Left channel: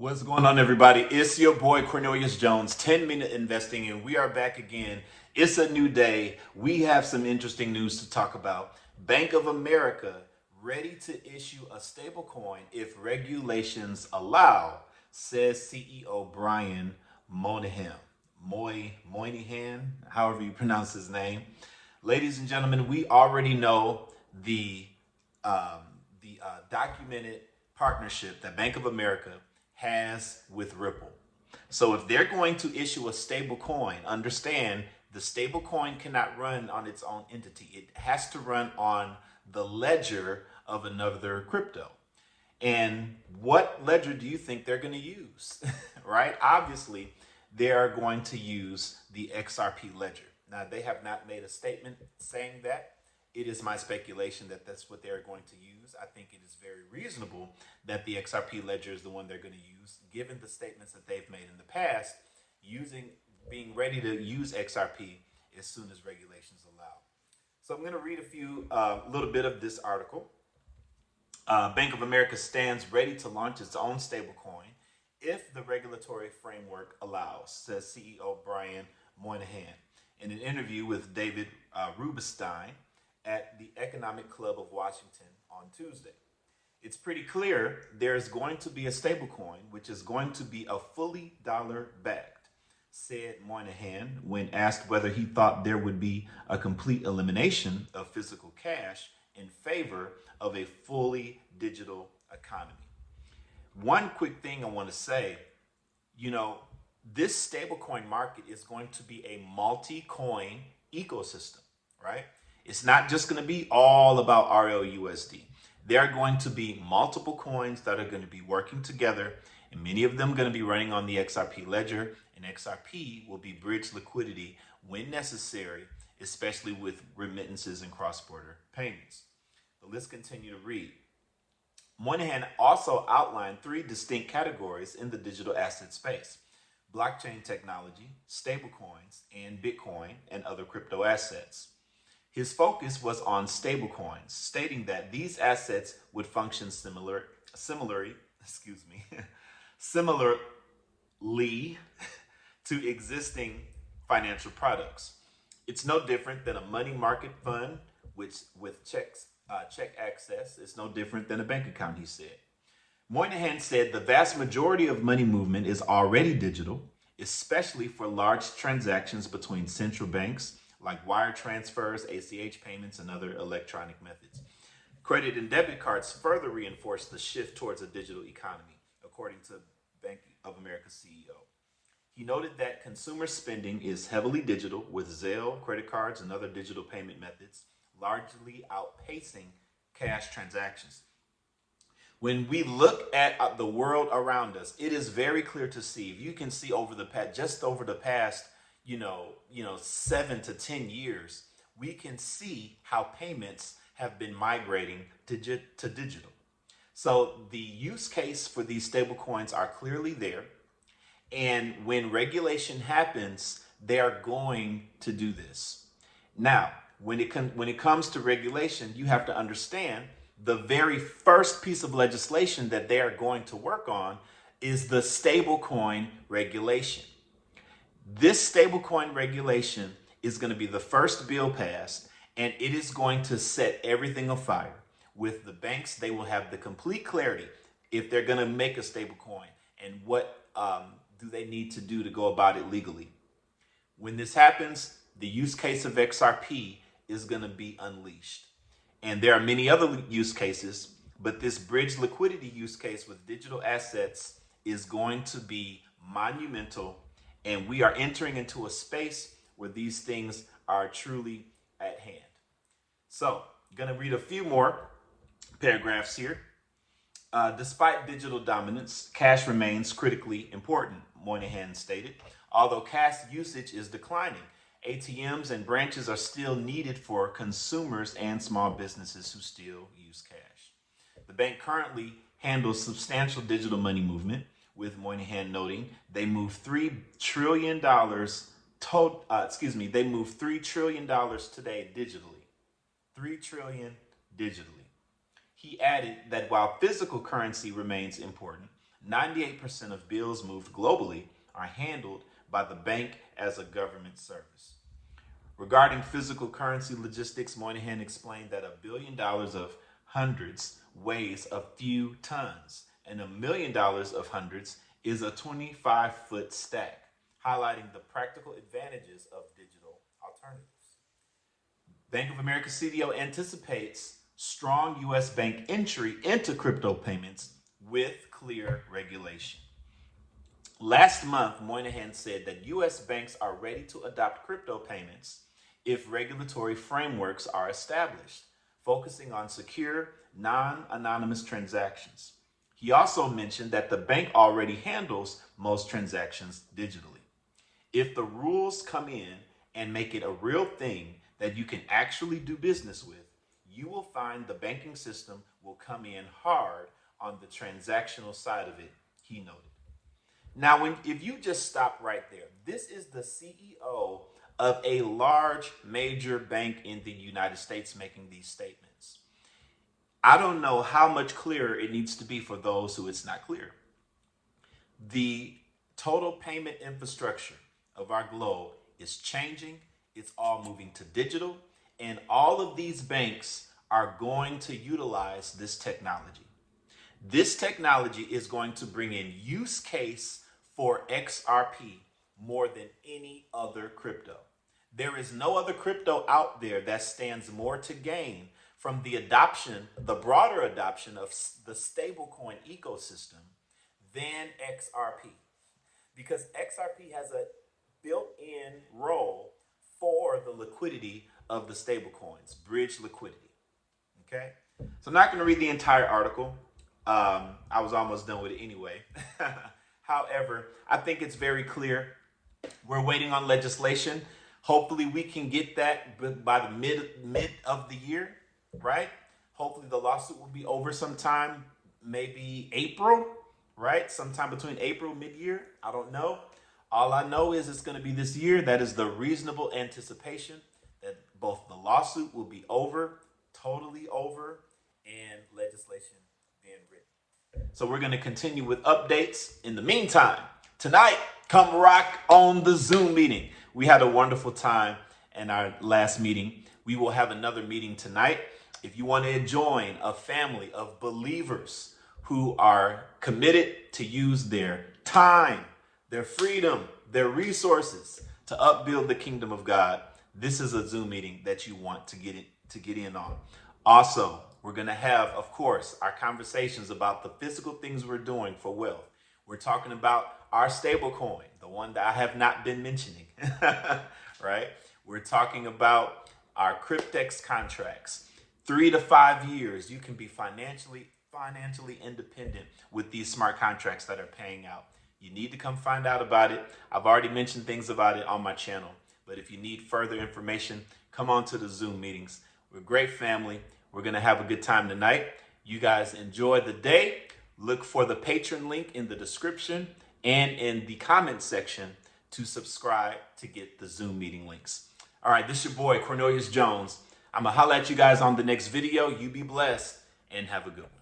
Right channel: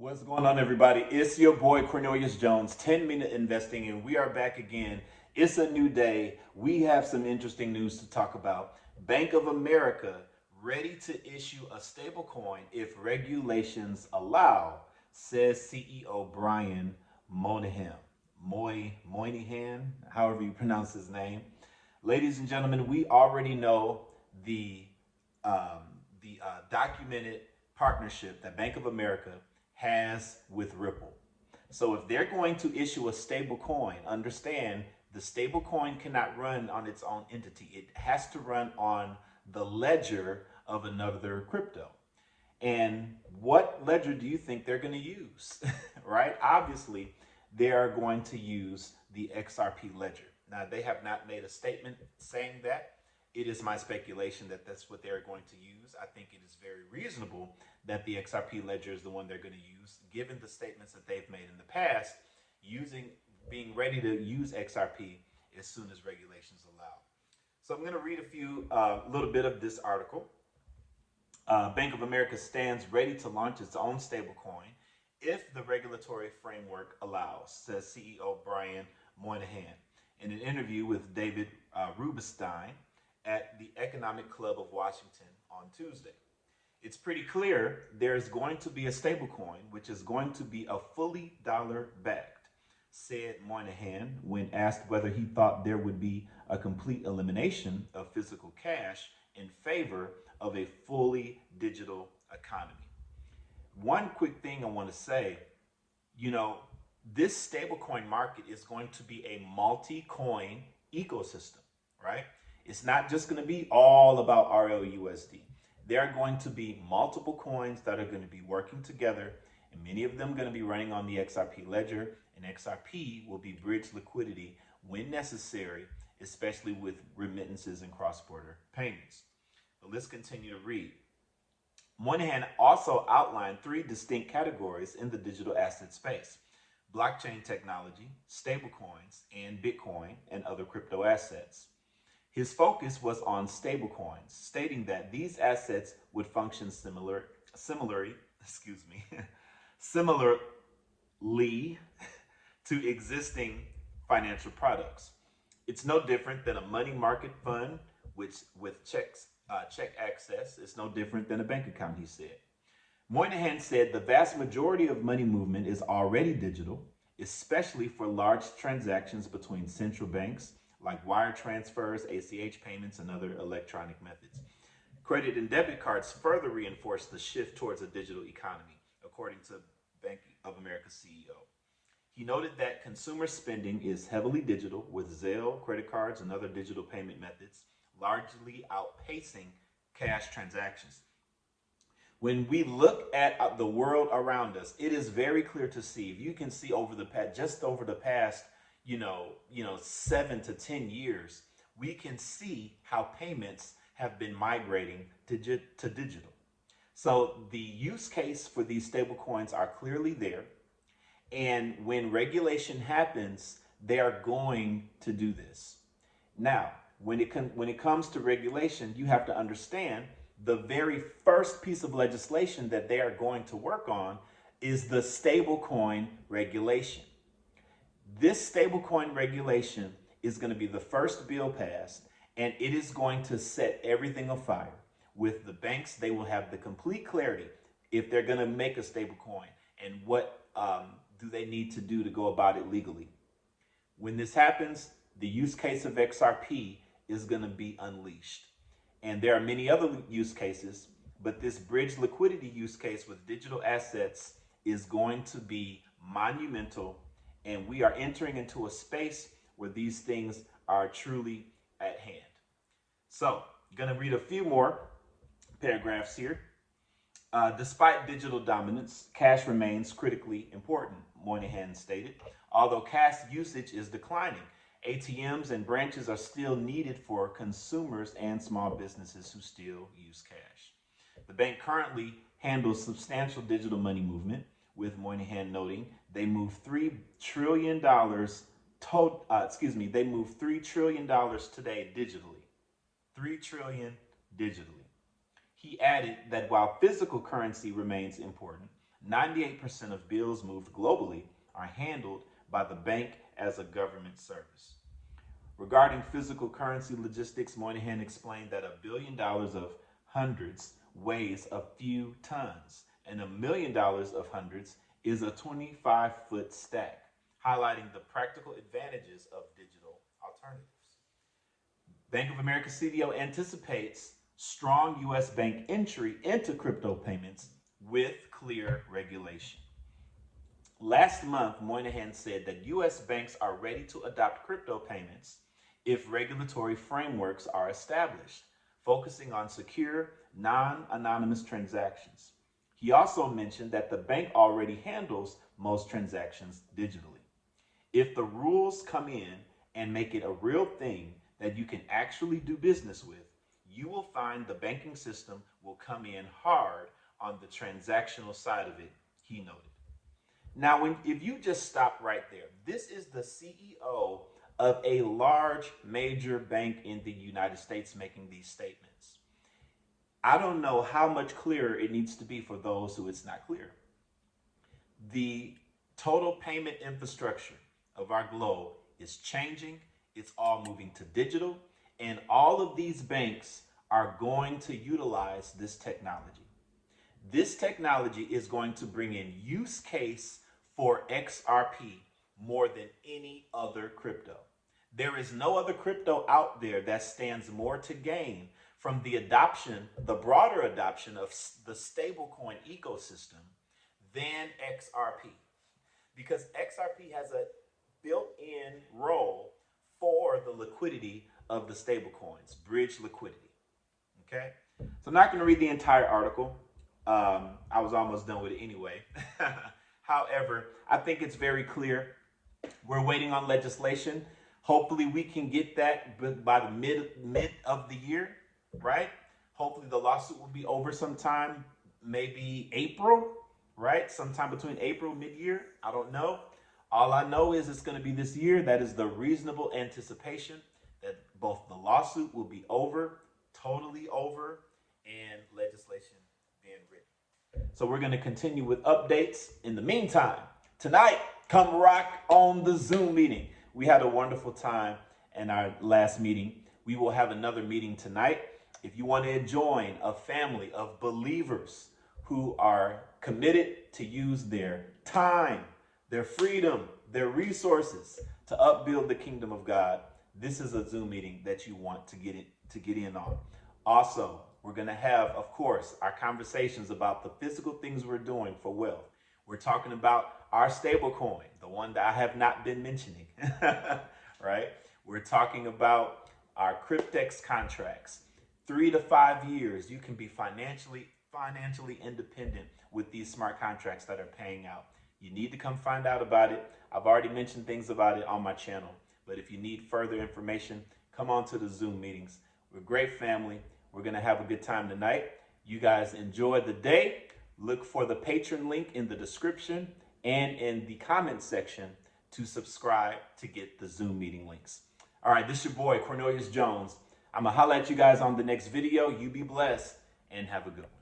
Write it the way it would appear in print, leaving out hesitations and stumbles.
What's going on, everybody? It's your boy Cornelius Jones, 10-Minute Investing, and we are back again. It's a new day. We have some interesting news to talk about. Bank of America ready to issue a stablecoin if regulations allow, says CEO Brian Moynihan. Moynihan, however you pronounce his name. Ladies and gentlemen, we already know the documented partnership that Bank of America has with Ripple. So if they're going to issue a stable coin, understand the stable coin cannot run on its own entity. It has to run on the ledger of another crypto. And what ledger do you think they're going to use? Right? Obviously, they are going to use the XRP ledger. Now, they have not made a statement saying that. It is my speculation that that's what they're going to use. I think it is very reasonable that the XRP ledger is the one they're going to use, given the statements that they've made in the past, being ready to use XRP as soon as regulations allow. So I'm going to read a little bit of this article. Bank of America stands ready to launch its own stablecoin if the regulatory framework allows, says CEO Brian Moynihan in an interview with David Rubenstein at the Economic Club of Washington on Tuesday. It's pretty clear there's going to be a stablecoin, which is going to be a fully dollar-backed, said Moynihan when asked whether he thought there would be a complete elimination of physical cash in favor of a fully digital economy. One quick thing I want to say, this stablecoin market is going to be a multi-coin ecosystem, right? It's not just going to be all about RLUSD. There are going to be multiple coins that are going to be working together, and many of them going to be running on the XRP ledger, and XRP will be bridge liquidity when necessary, especially with remittances and cross-border payments. But let's continue to read. Moynihan also outlined three distinct categories in the digital asset space: blockchain technology, stablecoins, and Bitcoin and other crypto assets. His focus was on stablecoins, stating that these assets would function similarly to existing financial products. It's no different than a money market fund, which with check access. It's no different than a bank account, he said. Moynihan said the vast majority of money movement is already digital, especially for large transactions between central banks, like wire transfers, ACH payments, and other electronic methods. Credit and debit cards further reinforce the shift towards a digital economy, according to Bank of America CEO. He noted that consumer spending is heavily digital, with Zelle, credit cards, and other digital payment methods largely outpacing cash transactions. When we look at the world around us, it is very clear to see. If you can see over the past 7 to 10 years, we can see how payments have been migrating to digital. So the use case for these stablecoins are clearly there. And when regulation happens, they are going to do this. Now, when it comes to regulation, you have to understand the very first piece of legislation that they are going to work on is the stablecoin regulation. This stablecoin regulation is going to be the first bill passed, and it is going to set everything afire. With the banks, they will have the complete clarity if they're going to make a stablecoin and what do they need to do to go about it legally. When this happens, the use case of XRP is going to be unleashed. And there are many other use cases, but this bridge liquidity use case with digital assets is going to be monumental. And we are entering into a space where these things are truly at hand. So I'm going to read a few more paragraphs here. Despite digital dominance, cash remains critically important, Moynihan stated. Although cash usage is declining, ATMs and branches are still needed for consumers and small businesses who still use cash. The bank currently handles substantial digital money movement, with Moynihan noting they move $3 trillion they move $3 trillion today digitally. $3 trillion digitally. He added that while physical currency remains important, 98% of bills moved globally are handled by the bank as a government service. Regarding physical currency logistics, Moynihan explained that $1 billion of hundreds weighs a few tons, and $1 million of hundreds is a 25-foot stack, highlighting the practical advantages of digital alternatives. Bank of America CDO anticipates strong U.S. bank entry into crypto payments with clear regulation. Last month, Moynihan said that U.S. banks are ready to adopt crypto payments if regulatory frameworks are established, focusing on secure, non-anonymous transactions. He also mentioned that the bank already handles most transactions digitally. If the rules come in and make it a real thing that you can actually do business with, you will find the banking system will come in hard on the transactional side of it, he noted. Now, if you just stop right there, this is the CEO of a large major bank in the United States making these statements. I don't know how much clearer it needs to be for those who it's not clear. The total payment infrastructure of our globe is changing. It's all moving to digital, and all of these banks are going to utilize this technology. This technology is going to bring in use case for XRP more than any other crypto. There is no other crypto out there that stands more to gain from the adoption, the broader adoption of the stablecoin ecosystem than XRP. Because XRP has a built-in role for the liquidity of the stablecoins, bridge liquidity. Okay? So I'm not going to read the entire article. I was almost done with it anyway. However, I think it's very clear. We're waiting on legislation. Hopefully we can get that by the mid of the year, right? Hopefully the lawsuit will be over sometime, maybe April, right? Sometime between April, mid-year. I don't know. All I know is it's going to be this year. That is the reasonable anticipation that both the lawsuit will be over, totally over, and legislation being written. So we're going to continue with updates. In the meantime, tonight, come rock on the Zoom meeting. We had a wonderful time in our last meeting. We will have another meeting tonight. If you want to join a family of believers who are committed to use their time, their freedom, their resources to upbuild the kingdom of God, this is a Zoom meeting that you want to get in on. Also, we're going to have, of course, our conversations about the physical things we're doing for wealth. We're talking about our stablecoin, the one that I have not been mentioning, right? We're talking about our Cryptex contracts. 3 to 5 years, you can be financially independent with these smart contracts that are paying out. You need to come find out about it. I've already mentioned things about it on my channel, but if you need further information, come on to the Zoom meetings. We're a great family. We're going to have a good time tonight. You guys enjoy the day. Look for the Patreon link in the description and in the comment section to subscribe to get the Zoom meeting links. All right, this is your boy, Cornelius Jones. I'm going to holler at you guys on the next video. You be blessed and have a good one.